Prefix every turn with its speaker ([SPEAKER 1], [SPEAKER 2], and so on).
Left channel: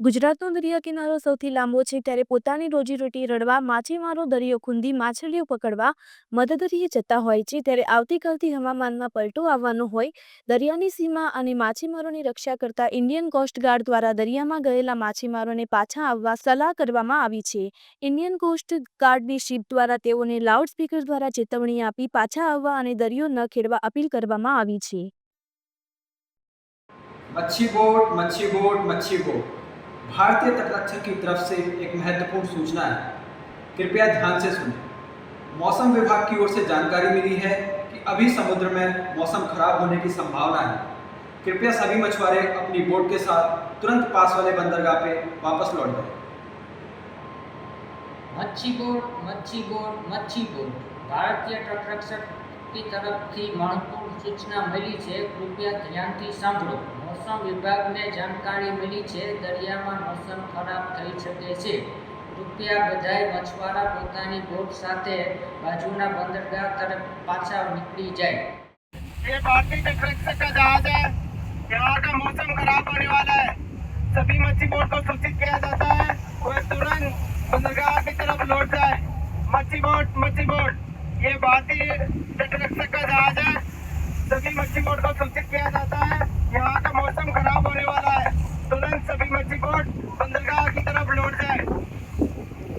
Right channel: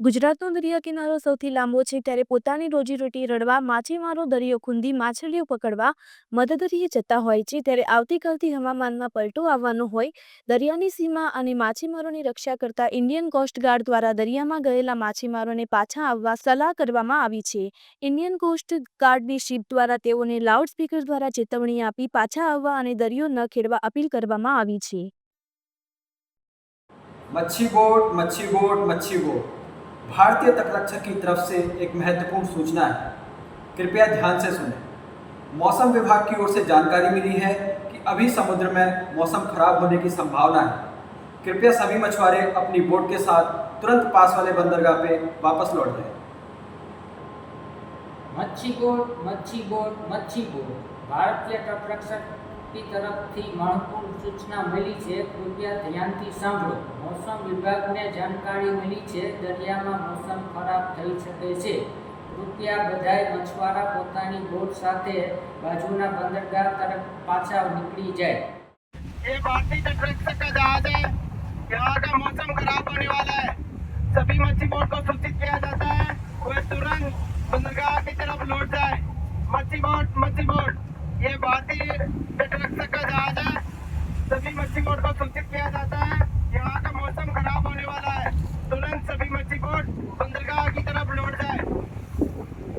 [SPEAKER 1] ગુજરાતનો દરિયા કિનારો સૌથી લાંબો છે, ત્યારે પોતાની રોજીરોટી રડવા, માછીમારો દરિયો ખૂંદી, માછલીઓ પકડવા મદદરીએ જતા હોય છે. ત્યારે આવતીકાલથી હવામાનમાં પલટો આવવાનો હોય. દરિયાની સીમા અને માછીમારોની રક્ષા કરતા ઇન્ડિયન કોસ્ટગાર્ડ દ્વારા દરિયામાં ગયેલા માછીમારોને પાછા આવવા સલાહ કરવામાં આવી છે. ઇન્ડિયન કોસ્ટગાર્ડની શિપ દ્વારા તેઓને લાઉડસ્પીકર દ્વારા ચેતવણી આપી પાછા આવવા અને દરિયો ન ખેડવા અપીલ કરવામાં આવી છે.
[SPEAKER 2] મચ્છી બોટ મચ્છી બોટ મચ્છી બોટ भारतीय तटरक्षक की तरफ़ से एक महत्वपूर्ण सूचना है। कृपया ध्यान से सुने। मौसम विभाग की ओर से जानकारी मिली है कि अभी समुद्र में मौसम खराब होने की संभावना है। कृपया सभी मछुआरे अपनी बोट के साथ तुरंत पास वाले बंदरगाह पे वापस लौट जाए।
[SPEAKER 3] मच्छी बोट मच्छी बोट मच्छी बोट। भारतीय तटरक्षक તટરક્ષકની તરફથી મહત્વપૂર્ણ સૂચના મળી છે કૃપયા ધ્યાનથી સાંભળો મોસમ વિભાગને જાણકારી મળી છે દરિયામાં મોસમ ખરાબ થઈ શકે છે કૃપયા બધાય મછવારા પોતાની બોટ સાથે બાજુના બંદરગાહ તરફ પાછા નીકળી જાય
[SPEAKER 4] ये भारतीय तटरक्षक का जहाज है यहाँ का मौसम खराब होने वाला है सभी मच्छी बोट को सूचित किया जाता है वे तुरंत बंदरगाह की तरफ लौट जाए मच्छी बोट मच्छी बोट ये भारतीय ट्रक से का जहाज है सभी मच्छी मोड़ को समझ सकते हैं